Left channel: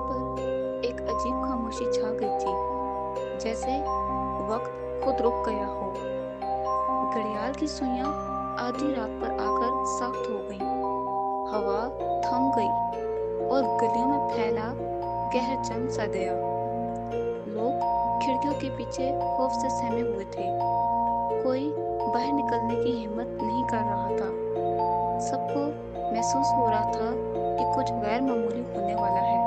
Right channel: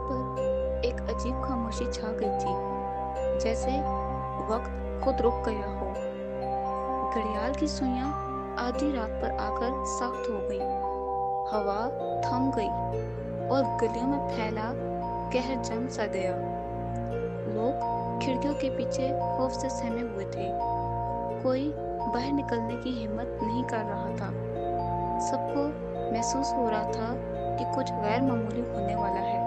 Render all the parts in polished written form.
पर एक अजीब खामोशी छा गई थी, जैसे वक्त खुद रुक गया हो। घड़ियाल की सुइयां आधी रात पर आकर सख्त हो गईं, हवा थम गई और गलियों में फैला कहर जम सा गया। लोग खिड़कियों के पीछे खौफ से सहमे हुए थे। कोई बाहर निकलने की हिम्मत नहीं कर रहा था। सबको महसूस हो रहा था कि कुछ गैर मामूली होने वाला है।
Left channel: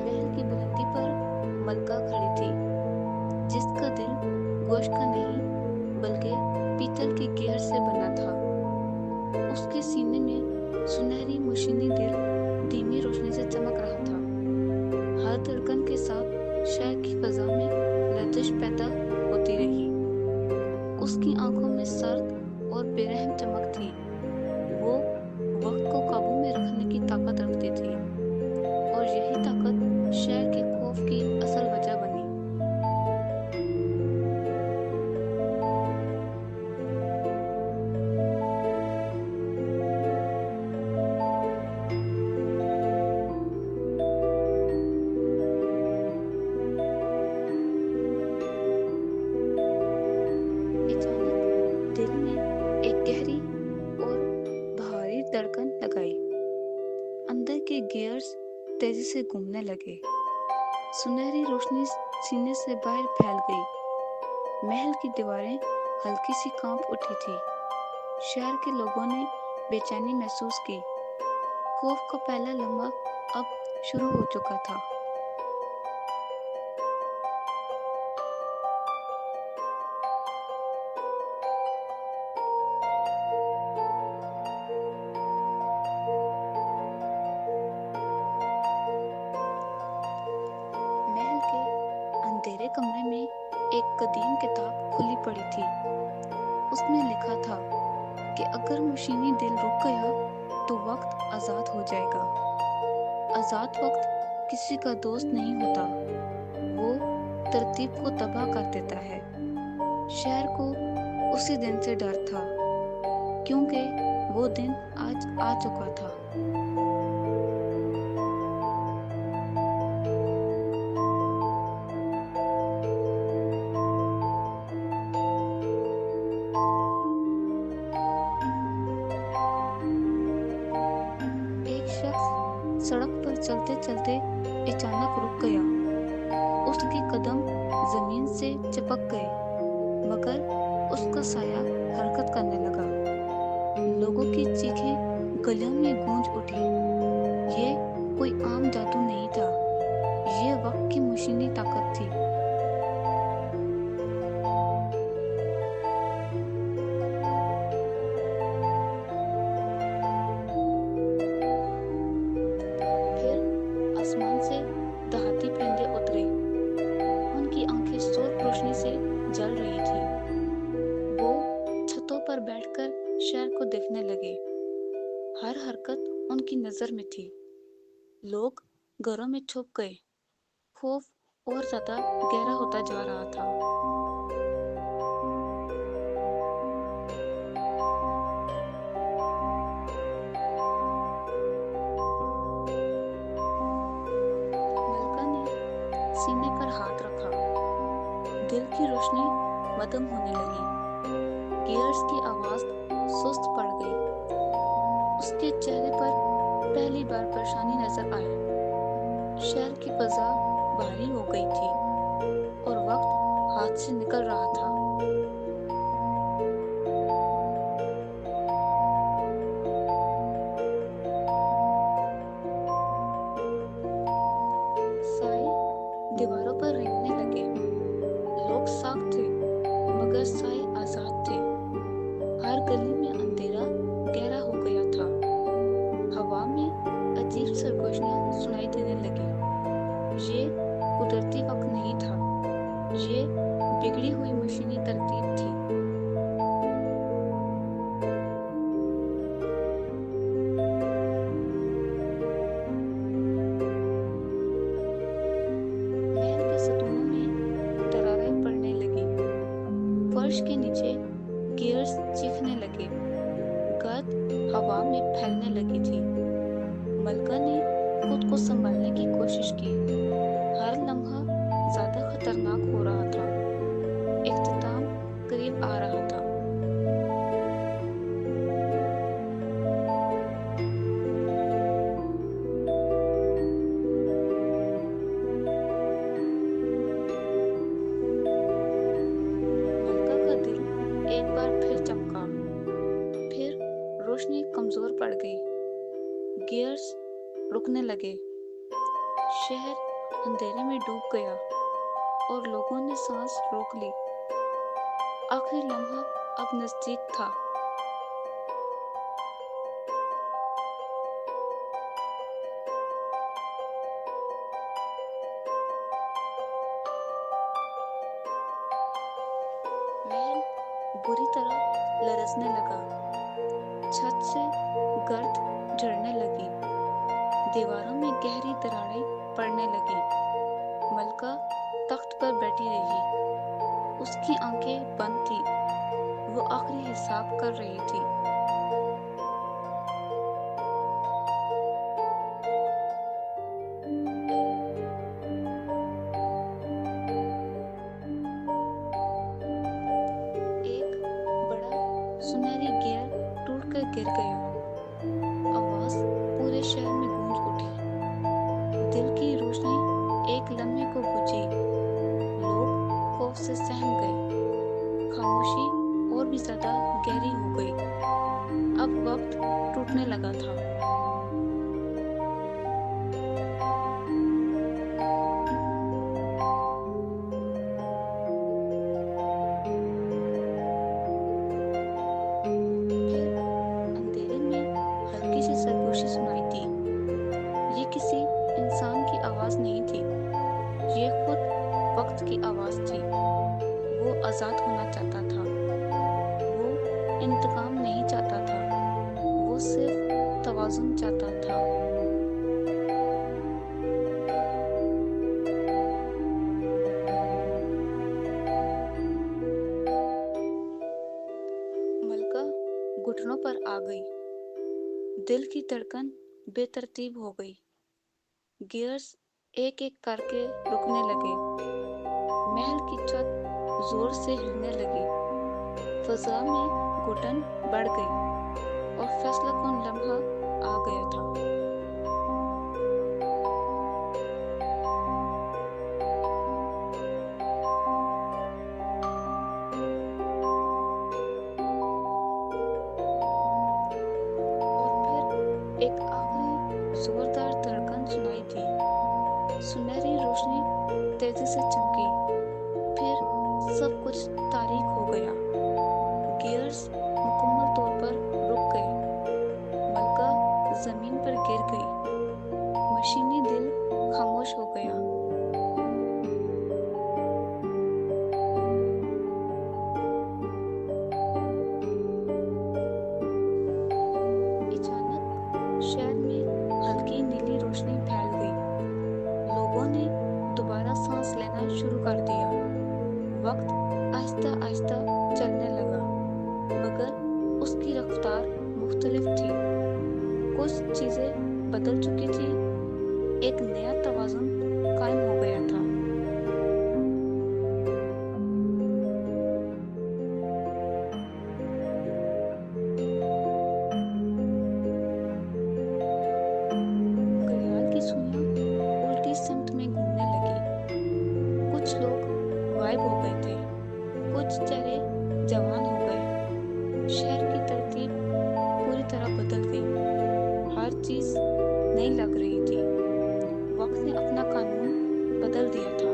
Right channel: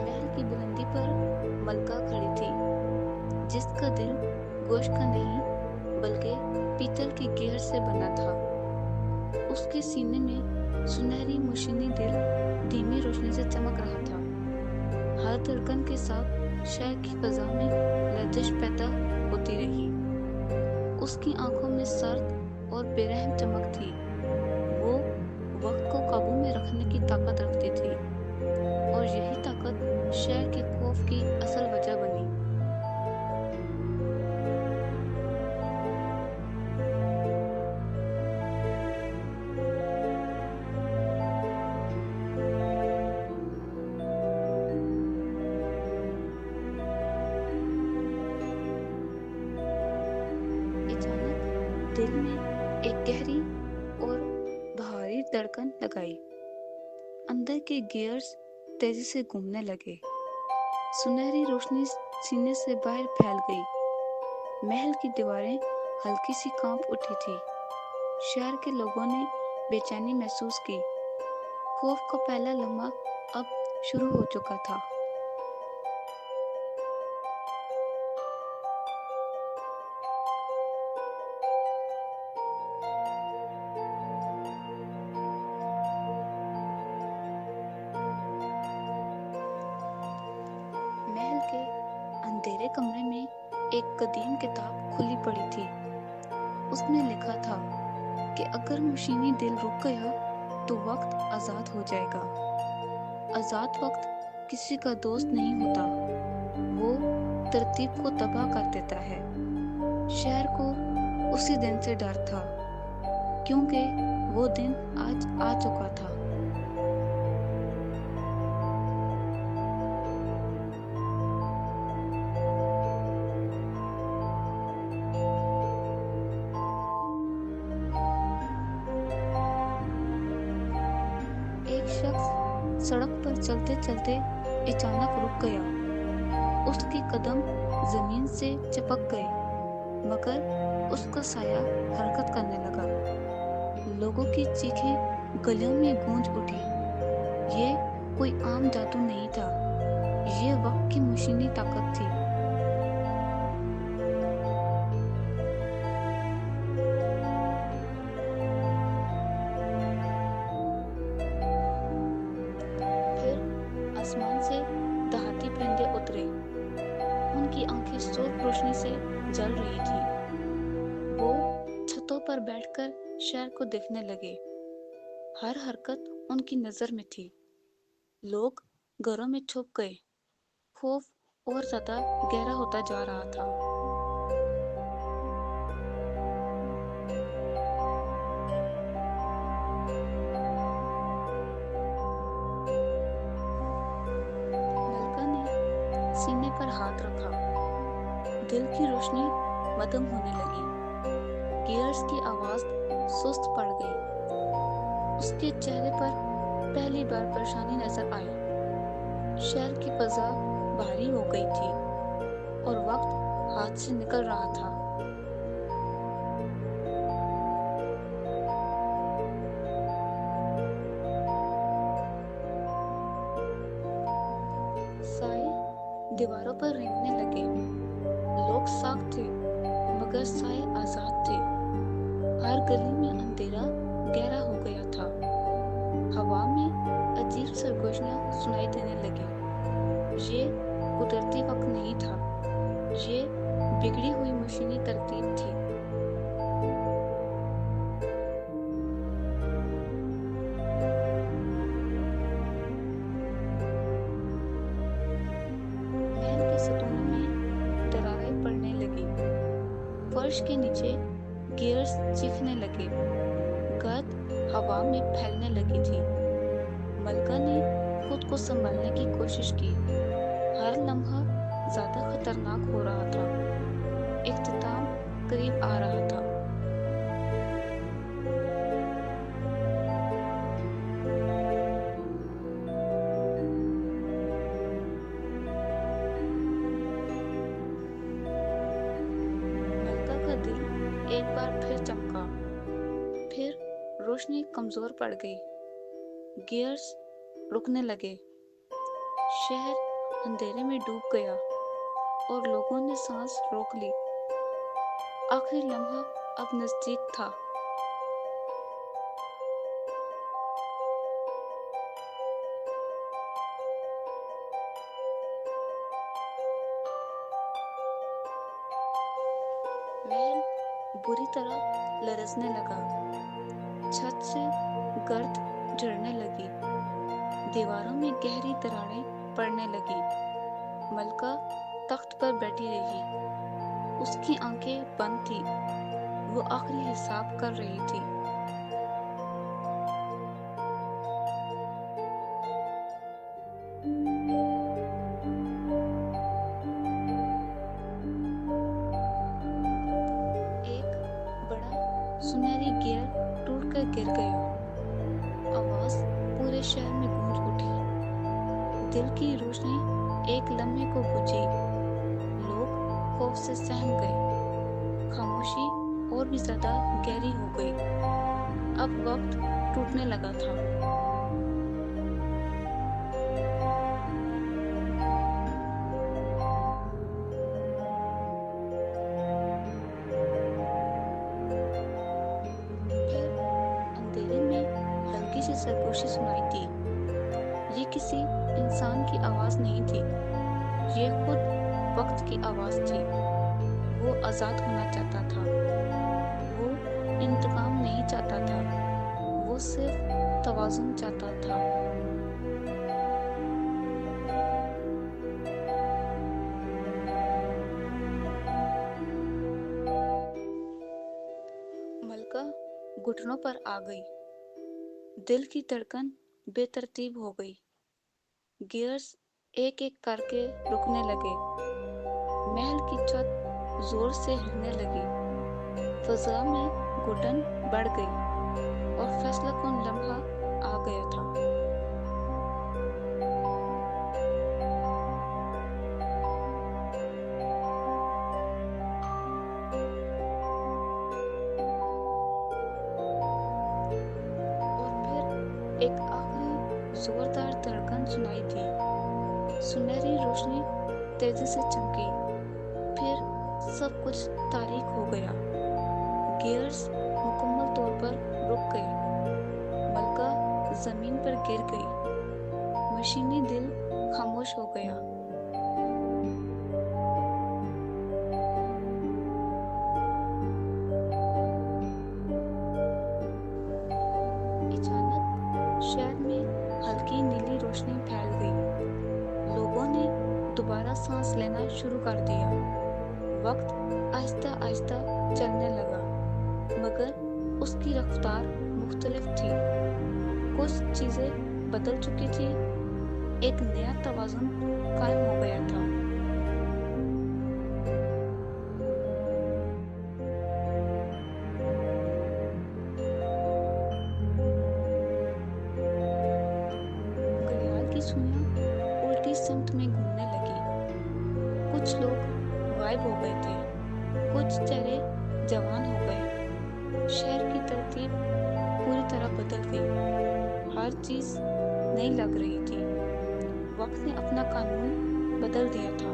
महल की बुलंदी पर मलका खड़ी थी, जिसका दिल गोश्त का नहीं बल्कि पीतल के गियर से बना था। उसके सीने में सुनहरी मुशीनी दिल धीमी रोशनी से चमक रहा था। हर धड़कन के साथ शहर की फजा में लर्जिश पैदा होती रही। उसकी आंखों में सर्द और बेरहम चमक थी। वो वक्त को काबू में रखने की ताकत रखती थी और यही ताकत शहर के खौफ की असल वजह बनी। अचानक दिल में एक गहरी और भारी धड़कन लगाई। अंदर के गियर्स तेजी से घूमने लगे। सुनहरी रोशनी सीने से बाहर फैल गई। महल की दीवारें हल्की सी कांप उठी थी। शहर के लोगों ने बेचैनी महसूस की। खौफ का पहला लम्हा अब शुरू हो चुका था। महल के अंधेरे कमरे में एक कदीम किताब खुली पड़ी थी। उसमें लिखा था कि अगर मशीनी दिल रुक गया तो वक्त आजाद हो जाएगा। आजाद वक्त किसी का दोस्त नहीं होता, वो तरतीब को तबाह कर देता है। शहर को उसी दिन से डर था, क्योंकि वो दिन आज आ चुका था। एक शख्स सड़क पर चलते चलते अचानक रुक गया। उसके कदम जमीन से चिपक गए, मगर उसका साया हरकत करने लगा। लोगों की चीखें गलियों में गूंज उठी। ये कोई आम जादू नहीं था, ये वक्त की मशीनी ताकत थी। फिर आसमान से दहाती परिंदे उतरे। उनकी आंखें सुर्ख रोशनी से जल रही थी। वो छतों पर बैठकर शहर को देखने लगे। हर हरकत उनकी नजर में थी। लोग घरों में छुप गए। खौफ और ज्यादा गहरा होता जा रहा था। मलका ने सीने पर हाथ रखा। दिल की रोशनी मदम होने लगी। गियर्स की आवाज सुस्त पड़ गई। उसके चेहरे पर पहली बार परेशानी नजर आई। शहर की फजा भारी हो गई थी और वक्त हाथ से निकल रहा था। साए दीवारों पर रेंगने लगे। लोग साख थे, मगर साए आजाद थे। हर गली में अंधेरा गहरा हो गया था। हवा में अजीब सरगोशियां सुनाई देने लगी। ये कुदरती वक्त नहीं था, ये बिगड़ी हुई मशीनी तरतीब थी। फर्श के नीचे गियर्स चीखने लगे। गर्द हवा में फैलने लगी थी। मलका ने खुद को संभालने की कोशिश की। हर लम्हा ज्यादा खतरनाक हो रहा था। इख्तिताम करीब आ रहा था। मलका का दिल एक बार फिर चमका। फिर रोशनी कमजोर पड़ गई। गियर्स रुकने लगे। शहर अंधेरे में डूब गया और लोगों ने सांस रोक ली। आखिरी लम्हा अब नजदीक था। महल बुरी तरह लरजने लगा। छत से गर्द झड़ने लगी। दीवारों में गहरी दरारें पड़ने लगी। मलका तख्त पर बैठी रही। उसकी आंखें बंद थी। वो आखिरी हिसाब कर रही थी। एक बड़ा सुनहरी गियर टूटकर गिर गया। आवाज पूरे शहर में गूंज उठी। दिल की रोशनी एक लम्हे को बुझी। लोग खौफ से सहम गए। खामोशी और भी ज्यादा गहरी हो गई। अब वक्त टूटने लगा था। फिर अंधेरे में हल्की सी सरगोशी सुनाई दी। ये किसी इंसान की आवाज नहीं थी। ये खुद वक्त की आवाज थी। वो आजाद होना चाहता था। वो इंतकाम नहीं चाहता था। वो सिर्फ तवाज़ुन चाहता था। मलका घुटनों पर आ गई। दिल की धड़कन बेतरतीब हो गई। गियर्स एक एक करके रुकने लगे। महल की छत जोर से हिलने लगी। फजा में घुटन बढ़ गई और फैसलाकुन लम्हा आ गया था। और फिर एक आखिरी जोरदार धड़कन सुनाई दी। सुनहरी रोशनी तेजी से चमकी। फिर सब कुछ तारीक हो गया। गियर्स मुकम्मल तौर पर रुक गए। मलका जमीन पर गिर गई। मशीनी दिल खामोश हो गया। अचानक शहर में हल्की नीली रोशनी फैल गई। लोगों ने दोबारा सांस लेना शुरू कर दिया। वक्त आहिस्ता आहिस्ता चलने लगा, मगर उसकी रफ्तार मुख्तलिफ थी। कुछ चीजें बदल चुकी थी। एक नया तवाज़ुन कायम हो गया था। घड़ियाल की सुइयां उल्टी सिमत में घूमने लगी। कुछ लोग गायब हो गए थे। कुछ चेहरे जवान हो गए। शहर की तरतीब पूरी तरह बदल गई। हर चीज नई लग रही थी। वक्त ने अपना कानून बदल दिया था।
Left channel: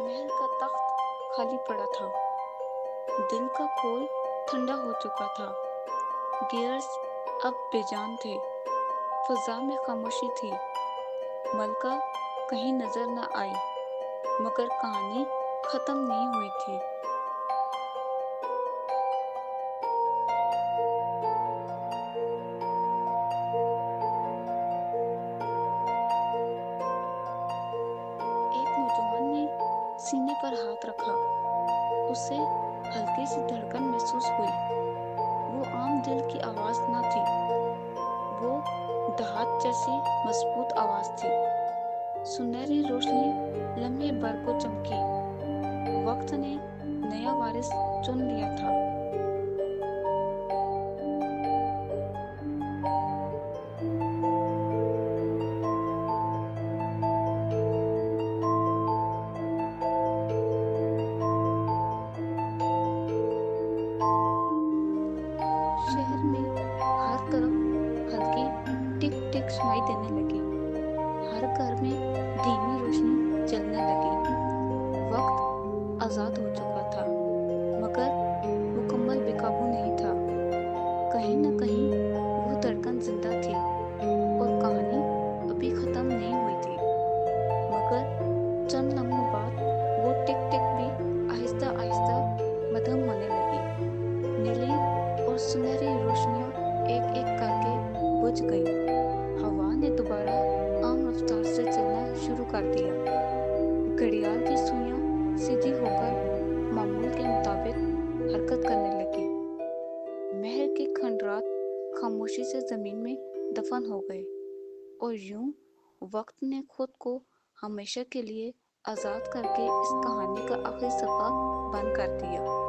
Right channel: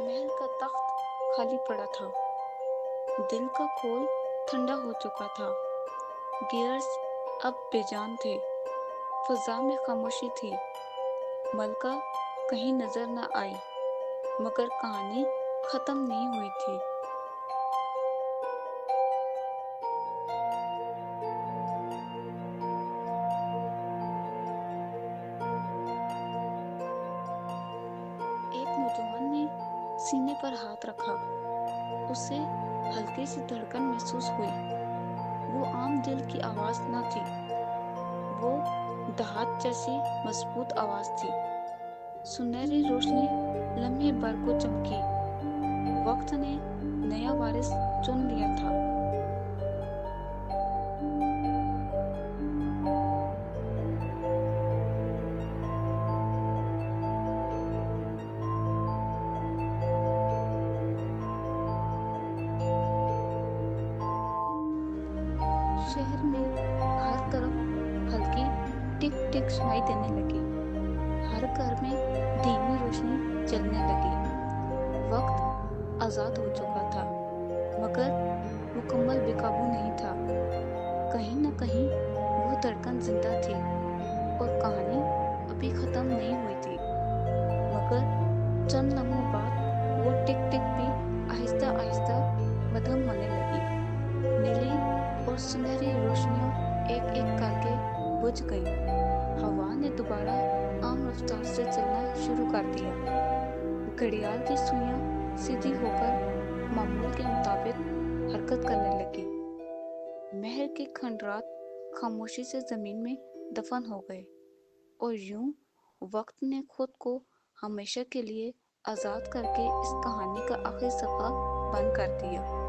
महल का तख्त खाली पड़ा था। दिल का खोल ठंडा हो चुका था। गियर्स अब बेजान थे। फजा में खामोशी थी। मलका कहीं नजर न आई, मगर कहानी खत्म नहीं हुई थी। सीने पर हाथ रखा। उसे हल्की सी धड़कन महसूस हुई। वो आम दिल की आवाज न थी, वो दहात जैसी मजबूत आवाज थी। सुनहरी रोशनी लम्हे भर को चमकी। वक्त ने नया वारिस चुन लिया था। शहर में हर तरफ हल्की टिक टिक सुनाई देने लगी। हर घर में धीमी रोशनी जलने लगी। वक्त आजाद हो चुका था, मगर मुकम्मल बेकाबू नहीं था। कहीं न कहीं वो धड़कन जिंदा थी और कहानी अभी खत्म नहीं हुई थी। मगर चंद लम्हों बाद वो टिक टिक भी आहिस्ता आहिस्ता मध्यम होने लगी। नीली और सुनहरी रोशनियां एक एक करके बुझ गईं। हवा ने दोबारा आम रफ्तार से चलना शुरू कर दिया। घड़ियाल की सुइयां सीधी होकर मामूल के मुताबिक हरकत करने लगी। महल के खंडरात खामोशी से जमीन में दफन हो गए और यूं वक्त ने खुद को हमेशा के लिए आजाद करके इस कहानी का आखिरी सफा बंद कर दिया।